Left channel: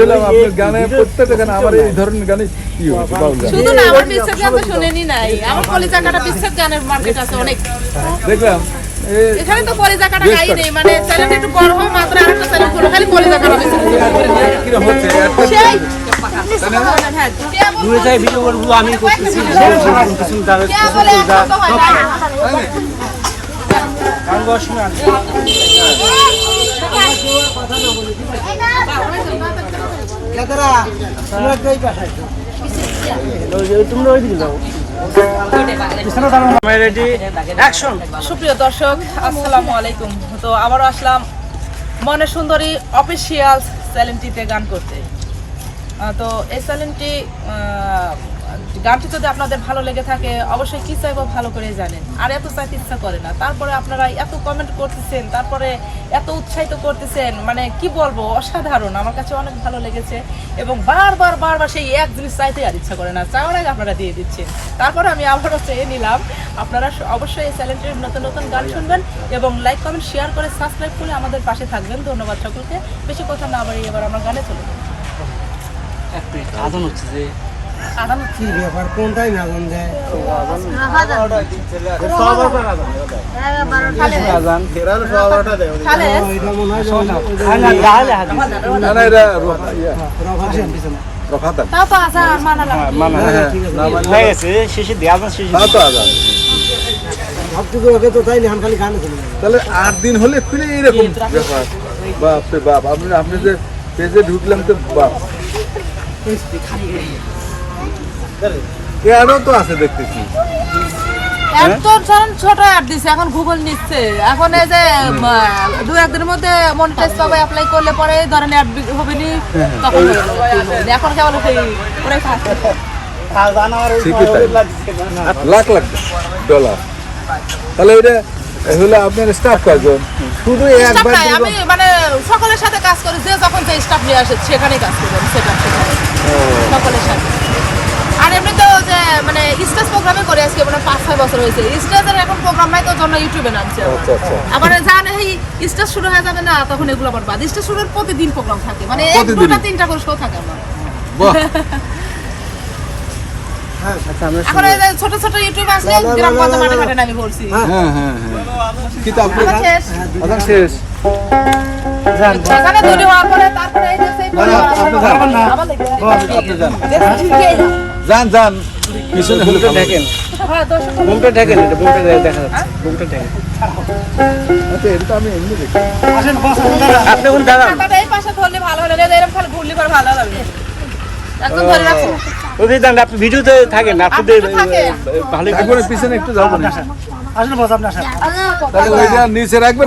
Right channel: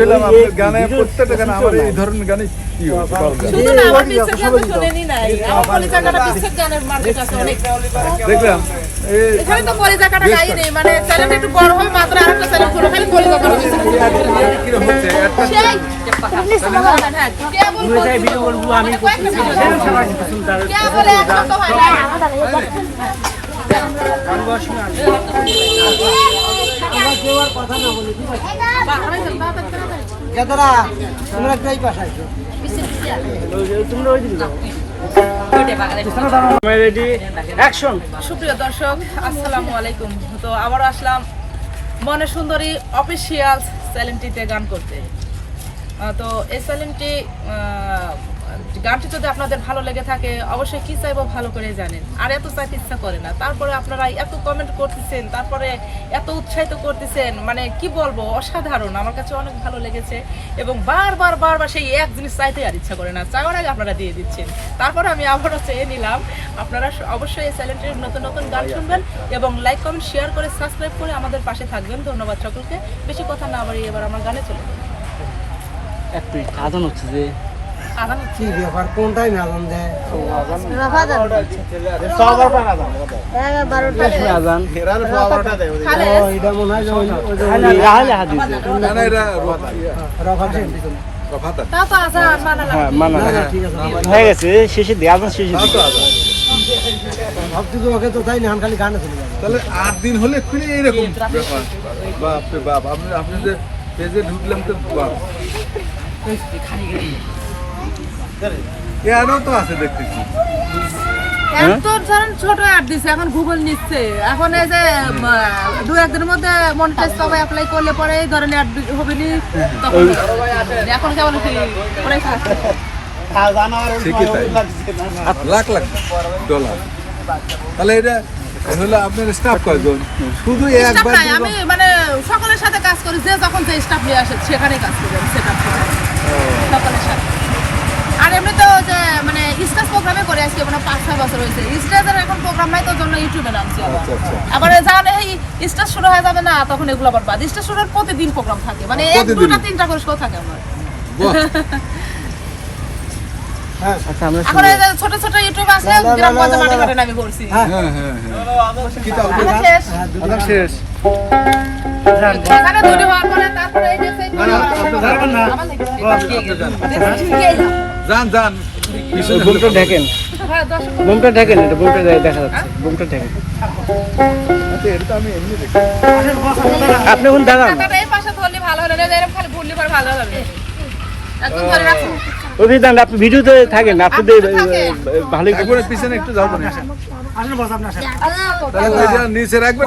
গানে প্রত্যেকটা গানে আমার এই ধরনের গানে হয়। শুধু না আমার গান তো শুনেনি নাই আমার কলিজাকাটা বিচ্ছেদ গানের মার্কেট আছে অনেক দেখলাম এখানে তো কলিজাকাটা গাই নেই মানে চ্যানেল একটু বড় হয় মাত্র আরেকটা চ্যানেল খুলে খালি সেই হ্যাঁ, কেবল সুপ্রিয় দর্শক আসসালামু আলাইকুম। তো আবারও আসলাম মনে সুন্দরী অফিসিয়াল চ্যানেলটিতে গান করতে। তো এই চ্যানেলটি আহ, গানটি যদি আপনাদের ভালো লেগে থাকে, অবশ্যই কি চাইব ভালো করে জানেন। আর এত চাইতে ইচ্ছা করে না। তারপরে আপনারা এত কমেন্ট করতেছেন, তারপরে এত উৎসাহিত করতেছেন মানে কি বলব, অসাধারণ। আমার কাছে অনেক ভালো লেগেছে এবং বারবার বারবার সেই এক জিনিস চাইতে আর ইচ্ছা করে না। চাওয়ার আগে আপনারা দিয়ে দিচ্ছেন। তারপরে আমি আবারও চেয়ে নিলাম, আপনারা অবশ্যই এই চ্যানেলটির নতুন নতুন গান শুনবেন এবং লাইক কমেন্ট শেয়ার করে সাবস্ক্রাইব করে আমাদের পাশে থাকবেন। ধন্যবাদ সকলকে। বেশি কথা না বাড়িয়ে এবার আমরা গানে চলে যাই। এক মিনিট হচ্ছে যে হচ্ছে ব্যাপার কোনটাই মনে হয় র- ইয়া, আজান মানা মানে। হয়ে আলাদা। ভাবছি তো তাই খালি তাহলে আট দিন হলে খুলে এইরকম বাপ আপনি আপনি যে ঢুকলাম তো বাপ আরও তো আছে দেখতেছি। ছোট অ্যাড দিছে এখন গুগল নিচ্ছে। এখন এই যে দু একদিনের মধ্যে মনিটাইজ পাবে অ্যাপ্লাই করলে পরে এই ধরেন অ্যাড হবে নি তখন এখন কেমন তাই। লাখ লাখ ডলার তাহলে এটা হলো আপনার স্টাফ শুধু একবার আমি মানে সকলের সাথে কাজ করি যে যখন যে স্টাফ নিয়ে আসে সেখানেই কাজ করি সকলের সাথে। প্রোগ্রামে করে আজকে মানে পাঁচ ছয় বছর হয়েছে। স্টেজের এখন প্রোগ্রাম নাই তো জন্য ইউটিউবে নামছে আচ্ছা আচ্ছা। আবার জানে এই স্টেজ শুরু হয়ে যাবে না তখন এগুলো আবার বাদ। স্টেজ শুরুর প্রতিদিন প্রোগ্রাম থাকে। মানে এক দুটা তিনটা করে শো থাকে আমার। হ্যাঁ এখন ছোট ছোট ইউটিউব আসলে গ্রাম পঞ্চায়েত মাঠে ঘাটে আমি বলছি। হ্যাঁ। হ্যাঁ হ্যাঁ আপনি আমার শেষ। শেষ। দুটো হওয়ার পরে তারপরে এই যে সেই যান যান। পিছনে বুলকে ঢেকেন। হ্যাঁ, দর্শক এটা বুলকে দেখা যাচ্ছে। বুলকে ঢেকেন। আচ্ছা, এটা তো আমি এমনি দেখি আপনি কোন দাঁড়ান। মাথাটা এই পাশে ধরলে ভালো হলো। না এরকম খালি ঘুরলে পরে ভালো লাগবে একদম ধরে রাখো। ওই দাঁড়ান আপনি ভিডিওতে থাকেন আপনি আপনি তো থাকেন। ভালো পিছনে একটু যাব না আসলে বস আপনার সাথে তাহলে ওইটা নিচে রাখবেন